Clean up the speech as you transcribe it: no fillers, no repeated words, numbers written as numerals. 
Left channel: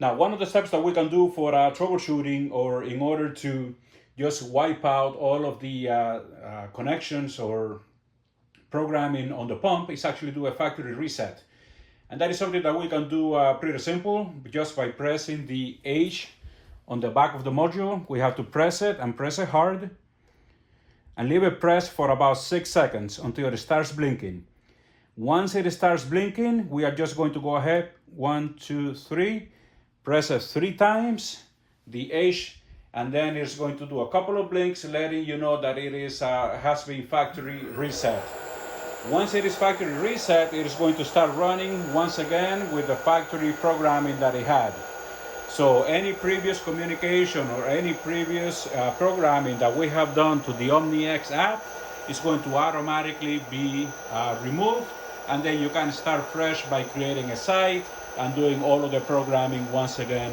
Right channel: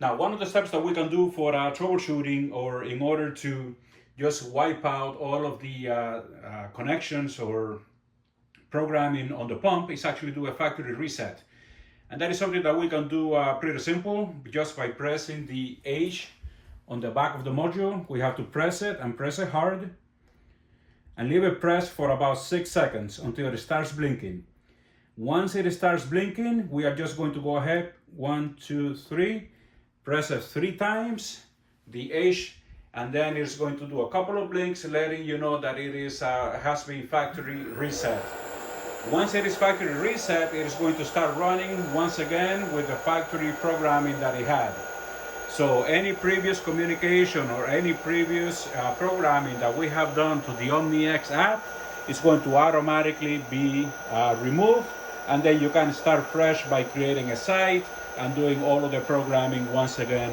Now, one of the steps that we can do for troubleshooting, or in order to just wipe out all of the connections or programming on the pump, is actually do a factory reset. And that is something that we can do pretty simple, just by pressing the H on the back of the module. We have to press it and press it hard and leave it pressed for about 6 seconds until it starts blinking. Once it starts blinking, we are just going to go ahead, 1, 2, 3, press it 3 times, the H, and then it's going to do a couple of blinks letting you know that it is has been factory reset. Once it is factory reset, it is going to start running once again with the factory programming that it had. So any previous communication or any previous programming that we have done to the OmniX app is going to automatically be removed, and then you can start fresh by creating a site and doing all of the programming once again